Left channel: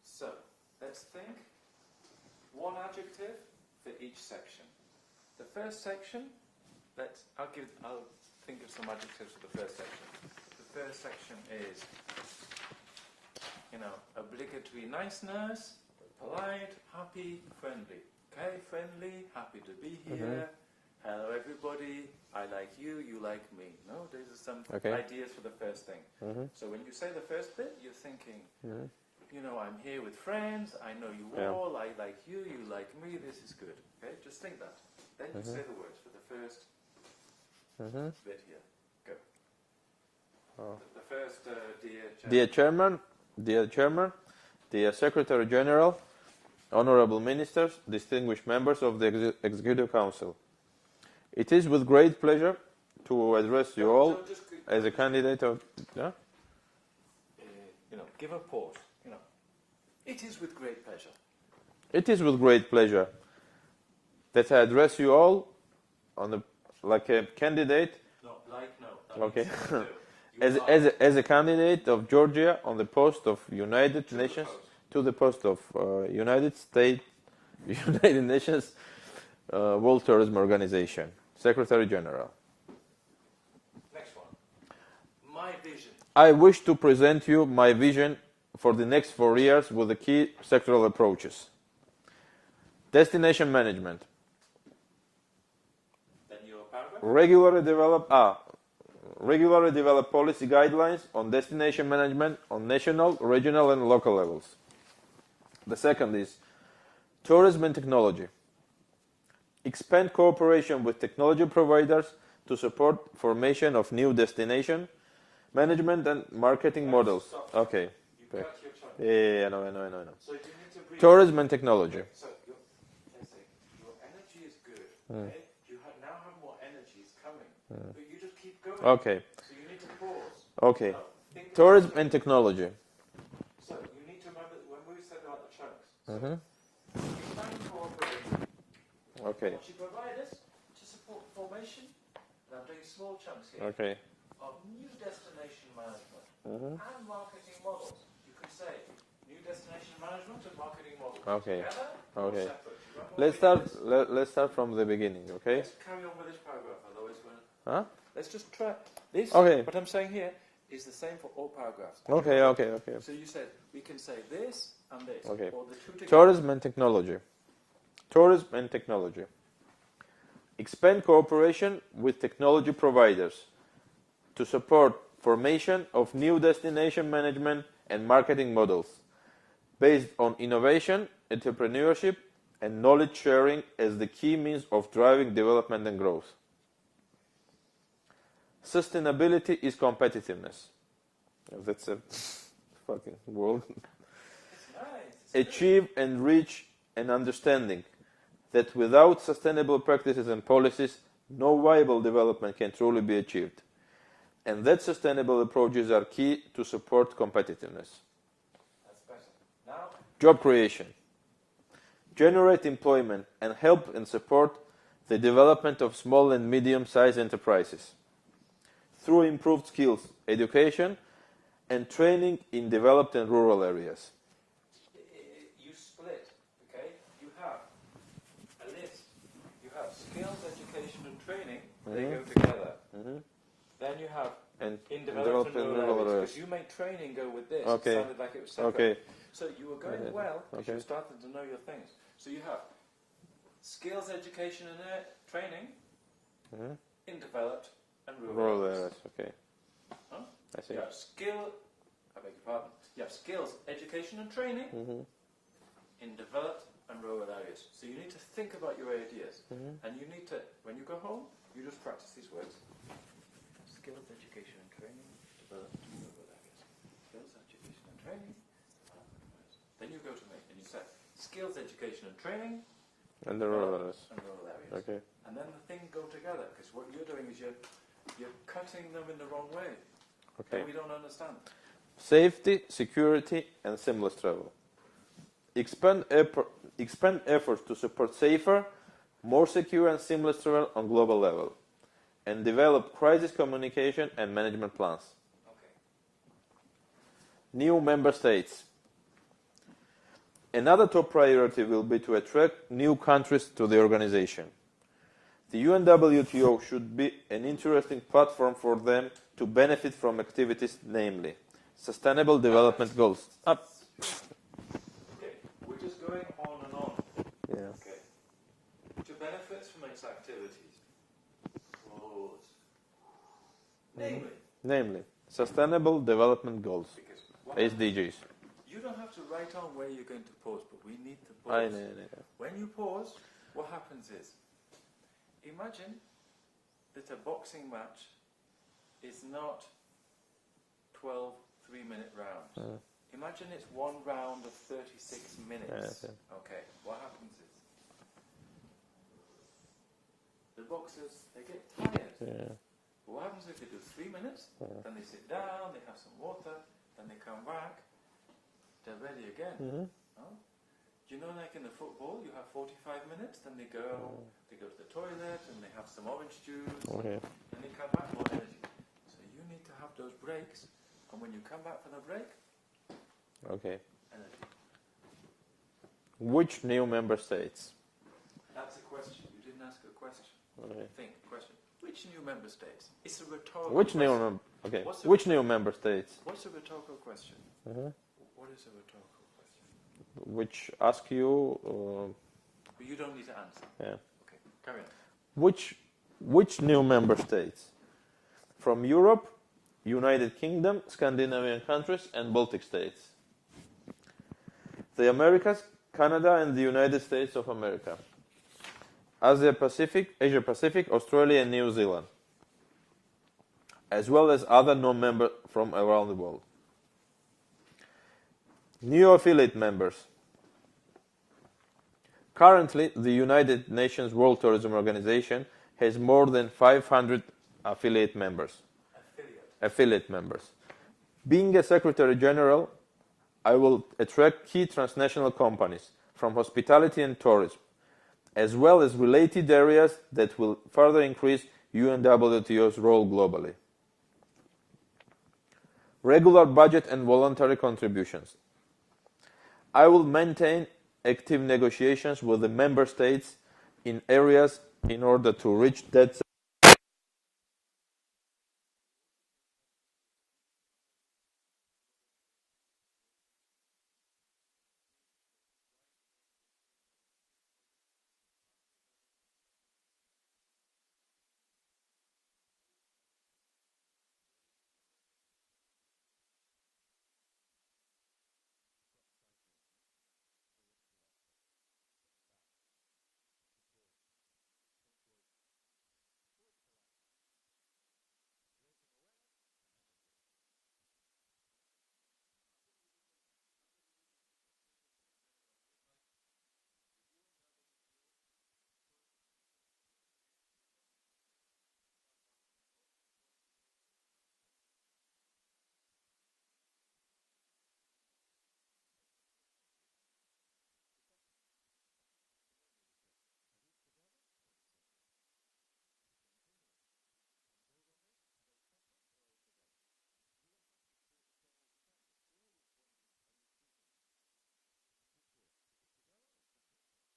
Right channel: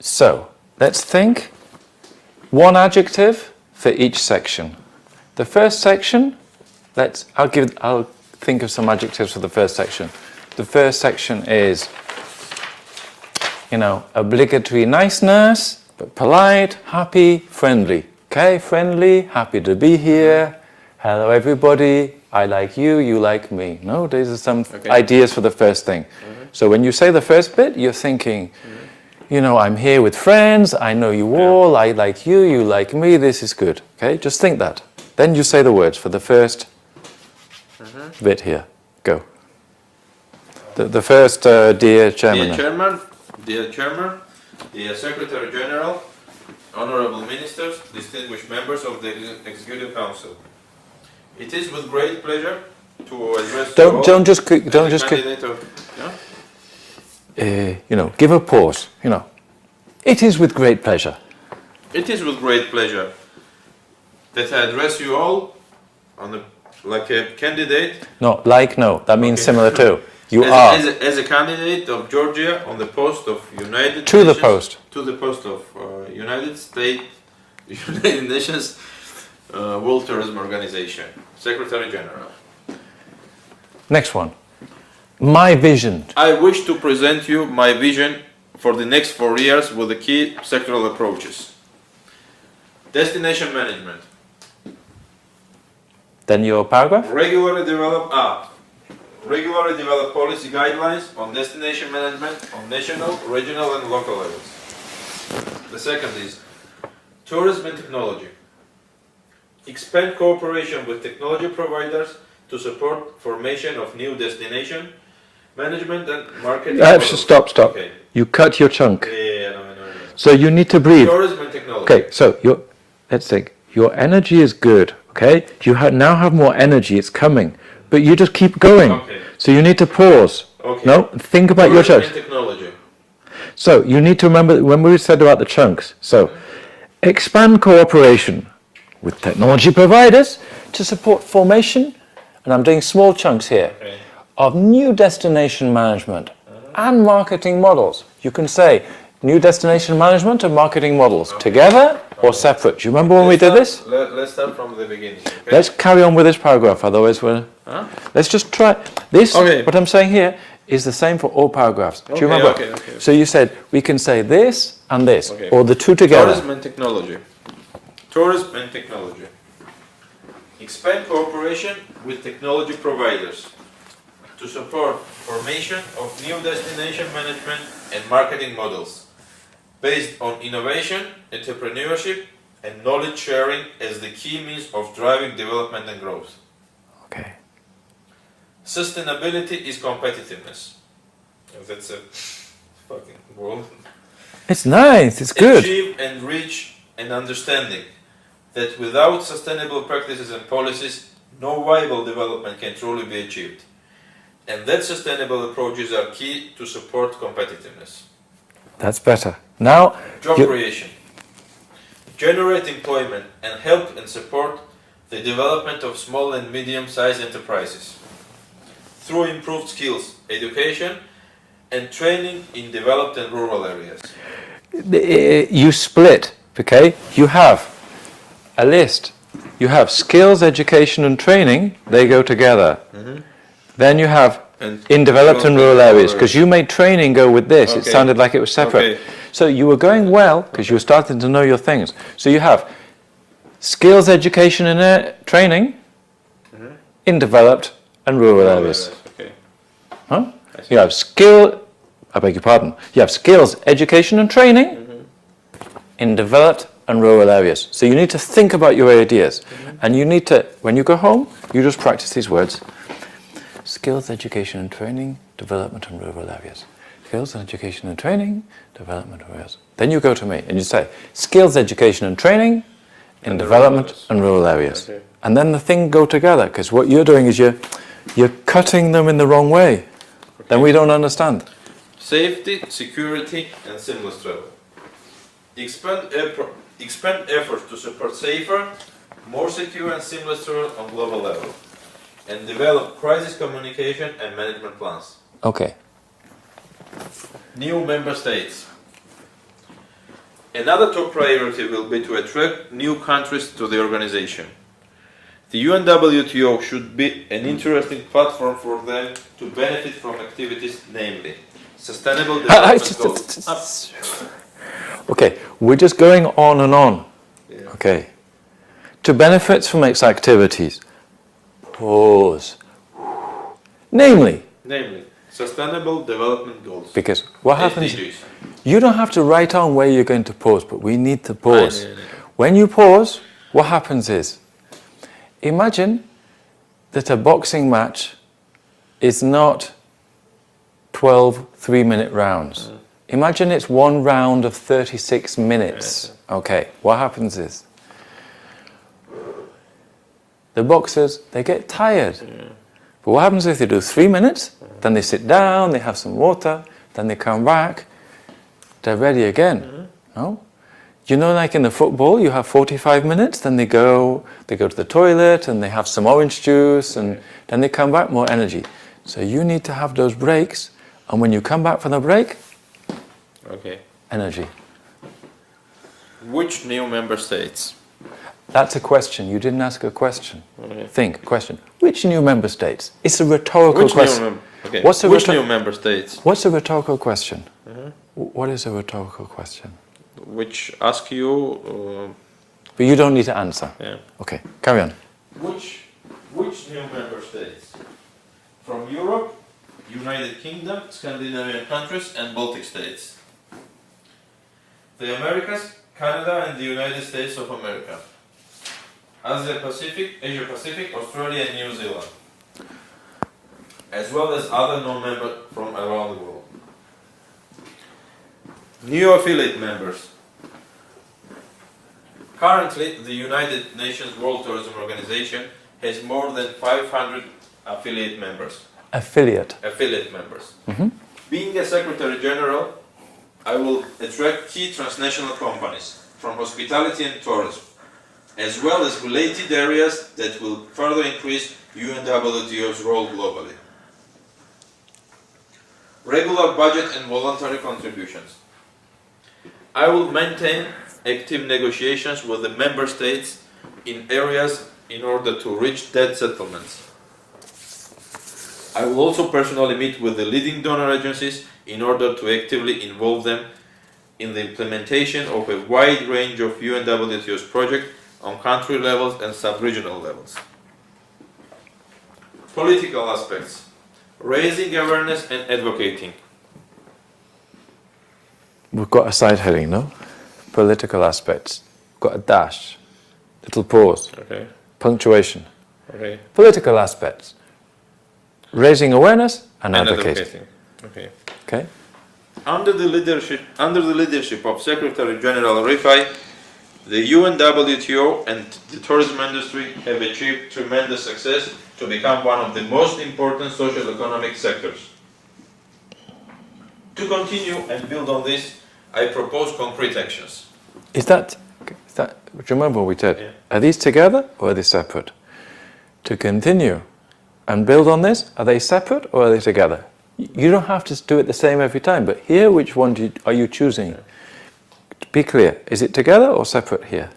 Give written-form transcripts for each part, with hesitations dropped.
So, let's think. One adjective for each section. The first section, I'll think of some adjectives for the first section. The first section is, obligatory niceness, but polite, happy, friendly. Okay, friendly, happy to be here. Hello everybody, I like you, you like me. No, these are some ideas for the first thing. So when you say the first bit, you're thinking, I'm here with friends, I know you all, I like you, you like me, this is good. Okay, just think that. Then you say the words for the first bit here. Go. The first, dear Chairman. Dear Chairman, dear Secretary General, Honorable Ministers, distinguished members of the Executive Council. It is with great pleasure to address Don't just give a pause. It is with great pleasure. It is with great pleasure that I address you all like a candidate. No, that means similar to. As a candidate of Georgia on the post of United Nations World Tourism Organization, Secretary General. Next one. My vision. I wish to present you my vision for the next 4 years with the key sectoral approaches. Destination management. Then your paragraph? Regularly develop policy guidelines on destination management on national, regional and local levels. The second is tourism and technology. Expand cooperation with technology providers to support formation of new destination management and marketing. Stop. Okay. You cut your chunk. No. So you need to breathe. Tourism and technology. Okay, so let's think. Your energy is good, okay? You now have more energy, it's coming. But you just keep going. Okay. So you need to pause. Okay. No? Think about your chunks. Technology. So you need to remember when we said about the chunks. So expand cooperation with technology providers to support formation, and I'm doing small chunks here, of new destination management and marketing models. You can say new destination management and marketing models together or separate. Do you remember when we did this? Let's start from the beginning. Okay? Let's carry on with this paragraph, otherwise let's just try this. What I'm saying here is the same for all paragraphs. Do you remember? Okay. So you said we can say this and this, or the two together. Tourism and technology. Tourism and technology. Expand cooperation with technology providers to support formation of new destination management and marketing models based on innovation, entrepreneurship, and knowledge sharing as the key means of driving development and growth. Okay. Sustainability is competitiveness. That's a fucking word. It's nice, it's good. Achieve and reach an understanding that without sustainable practices and policies, no viable development can truly be achieved. And that sustainable approaches are key to support competitiveness. That's better. Now, job creation. Generate employment and help and support the development of small and medium-sized enterprises through improved skills, education, and training in developed and rural areas. You split, okay? You have a list. You have skills, education, and training. They go together. Then you have in developed and rural areas, because you made training go with this. It sounded like it was separate. So you were going well because you were starting to know your things. So you have skills, education, and training in developed and rural areas. You have you have skills, education, and training in developed and rural areas. So you need to think about your ideas, and you need to, when you go home, you just practice these words. Skills, education and training, development and rural areas. Skills, education and training, development and rural areas. Then you go to me and you say, skills, education and training in development and rural areas. And then the thing go together, because what you're doing is you're cutting them in the wrong way. Then we don't understand. Safety, security and seamless travel. Expand efforts to support safer, more secure and seamless travel on global level. And develop crisis communication and management plans. Okay. New member states. Another top priority will be to attract new countries to the organization. The UNWTO should be an interesting platform for them to benefit from activities, namely sustainable development goals. Okay, we're just going on and on. Yeah. Okay. To benefit from its activities. Pause. Namely. Sustainable development goals. Because what happens, SDGs. you don't have to write on where you're going to pause, but we need to pause. When you pause, what happens is, imagine that a boxing match is not 12 3-minute rounds. Imagine it's one round of 36 minutes. Okay, what happens is, the boxers, they get tired. But what happens if they do 3 minutes, then they sit down, they have some water, then they come back, they're ready again. No? You know, like in the football, you have 45 minutes, then they go to the toilet and they have some orange juice and then they come back, more energy. So you need to have those breaks, and when you come back from the break, energy. Which new member states? That's a question. You didn't ask a question. Think, question. Which new member states? It's a rhetorical question. Which new member states? What's a rhetorical question? What is a rhetorical question? Which ask you... But you don't need to answer. Yeah. Okay, carry on. Which new member states? From Europe, United Kingdom, Scandinavian countries and Baltic states. The Americas, Canada and the United States of America. Asia Pacific, Australia and New Zealand. As well as other non-members from around the world. New affiliate members. Currently, the United Nations World Tourism Organization has more than 500 affiliate members. Affiliate members. Being a Secretary General, I will attract key transnational companies from hospitality and tourism, as well as related areas that will further increase UNWTO's role globally. Regular budget and voluntary contributions. I will maintain active negotiations with the member states in areas in order to reach debt settlements. I will also personally meet with the leading donor agencies in order to actively involve them in the implementation of a wide range of UNWTO's projects on country levels and sub-regional levels. Political aspects. Raising awareness and advocating. We've got a side heading, no? Political aspects. We've got a dash, little pause, punctuation. Political aspects. Raising awareness and advocating. Okay. Under the leadership of Secretary General Rifai, the UNWTO and the tourism industry have achieved tremendous success to become one of the most important social economic sectors. To continue and build on this, I propose concrete actions. Is that do you remember what we said? Yeah. Are these together or are they separate? To continue and build on this, are they separate or are they together? You don't have to do it the same every time, but here, which one are you choosing? Yeah. Be clear, is it together or separate here?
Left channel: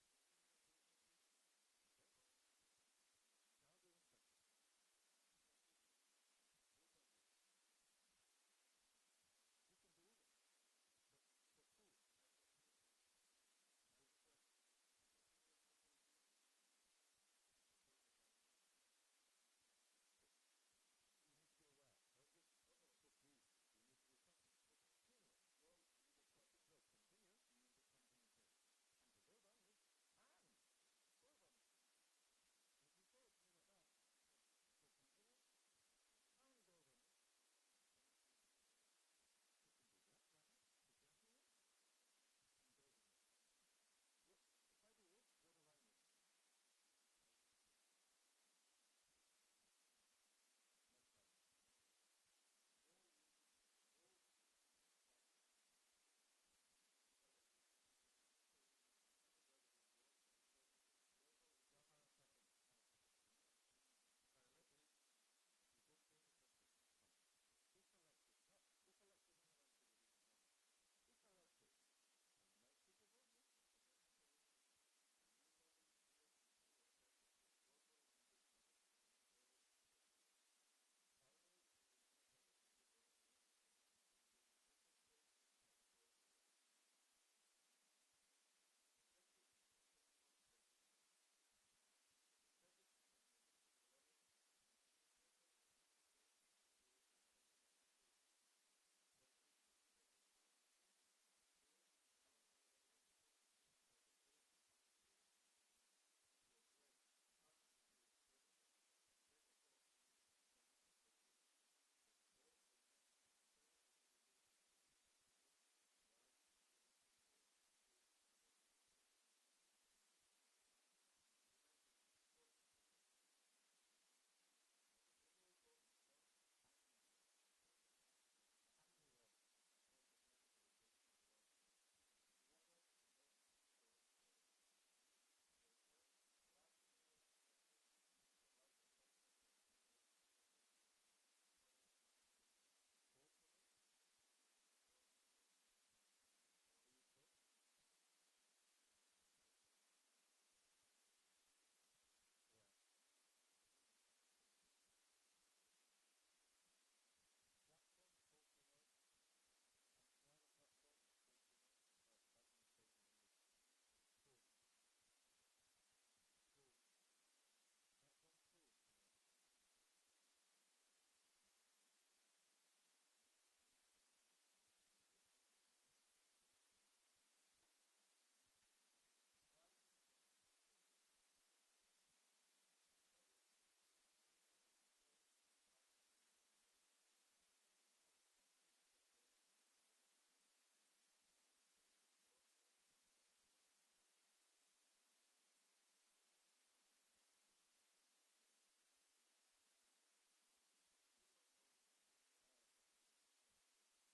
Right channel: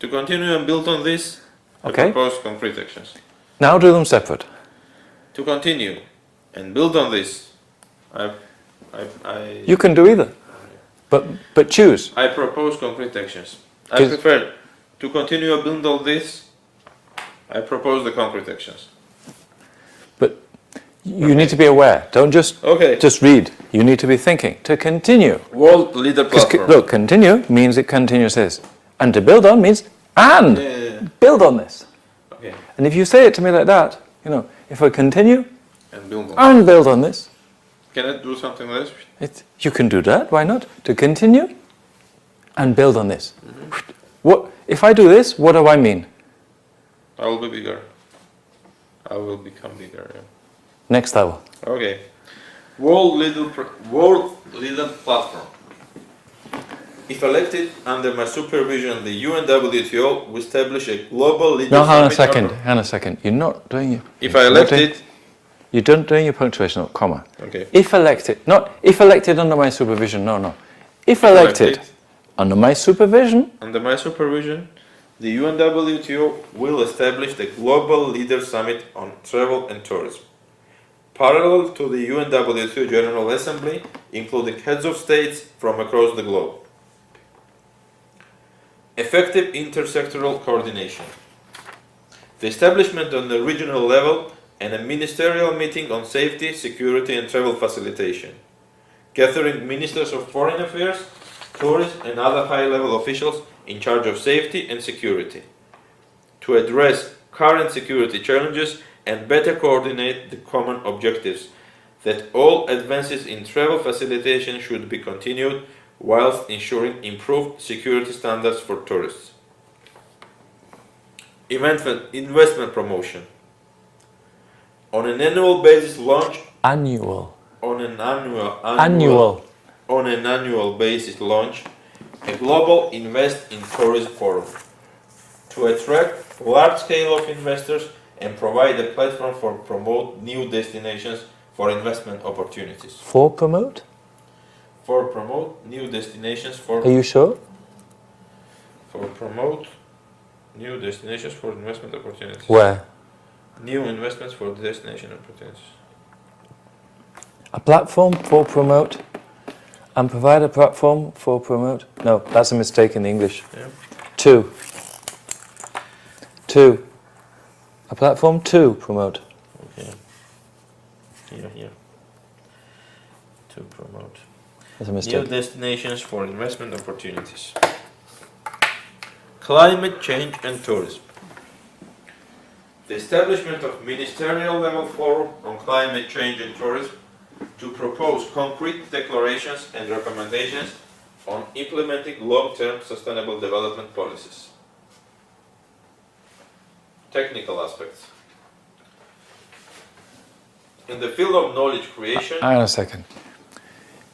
To continue and build on this, I propose concrete actions. Now do them separate. To continue and build on this, You can do either, but choose. I propose concrete actions. I prefer to continue and build on this, I propose the concrete actions. But you need to be aware. Don't just read. You need to be thinking. To continue. World leader platform. Look, continue means it continues this. And to build on means build on this. Okay. And if you say it to me like that, if I continue and build on this. Can I do something like this? You can do that. Why not? To continue and build on this. What if I do this? What do I mean? I will be bigger. I will become bigger. Yeah. Next level. Okay. World leader platform. If elected under my supervision, the UNWTO will establish a global leader. No, hang on a second. You're not doing it. If I elected. You don't doing your punctuation, not comma. Okay. If elected, not if elected under my supervision. No. If elected Under my supervision, Under my supervision, the UNWTO will establish the Global Leaders Summit on Travel and Tourism, parallel to the UNWTO General Assembly, including heads of states from across the globe. Effective intersectoral coordination. The establishment on the regional level and a ministerial meeting on safety, security and travel facilitation, gathering ministers of foreign affairs, tourism and other high-level officials in charge of safety and security, to address current security challenges and better coordinate the common objectives that all advances in travel facilitation should be continued whilst ensuring improved security standards for tourists. Investment promotion. On an annual basis launch annual. on an annual basis launch a global Invest in Tourism Forum to attract large scale of investors and provide a platform for promote new destinations for investment opportunities. For promote? For promote new destinations for Are you sure? for promote new destinations for investment opportunities. Where? New investments for destination opportunities. A platform for promote and provide a platform for promote? No, that's a mistake in the English. Yeah. Two. A platform to promote. Okay. Here. To promote. That's a New mistake. destinations for investment opportunities. Climate change and tourism. The establishment of ministerial level forum on climate change and tourism to propose concrete declarations and recommendations on implementing long-term sustainable development policies. Technical aspects. In the field of knowledge creation, Hang on a second.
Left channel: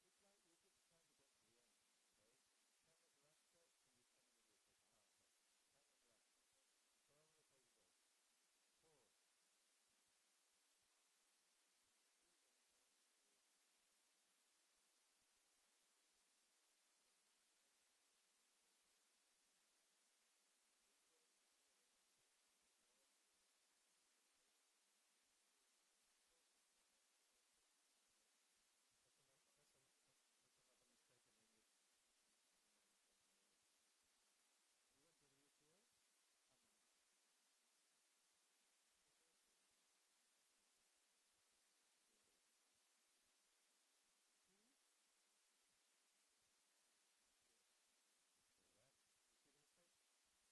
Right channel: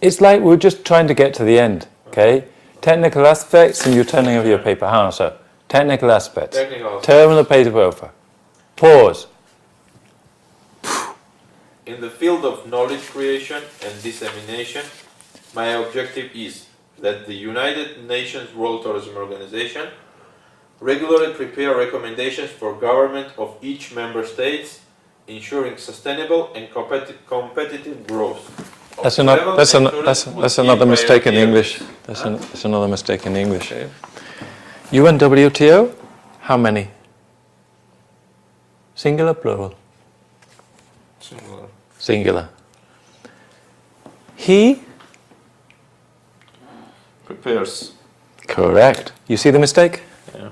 It's like we're just trying to get to the end, okay? Technical aspects, and you're turning over your paper. Hang on, sir. Technical aspects. Turn the paper over. Pause. in the field of knowledge creation and dissemination, my objective is that the United Nations World Tourism Organization regularly prepare recommendations for government of each member states, ensuring sustainable and competitive growth. That's another mistake in English. That's another mistake in English. Okay. UNWTO, how many? Singular, plural? Singular. Singular. He? Prepares. Correct. You see the mistake? Yeah.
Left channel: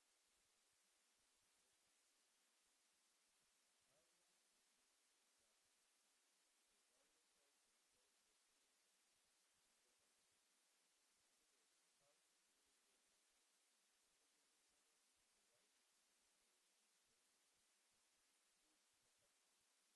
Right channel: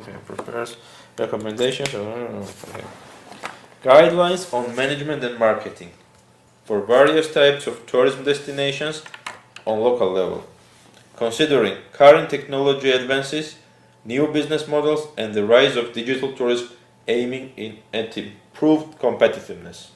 Okay, prepares recommendations. Okay. Guidelines on management and marketing for various types of tourism destinations on local level, considering current technology advances, new business models, and the rise of digital tourism aiming at improved competitiveness.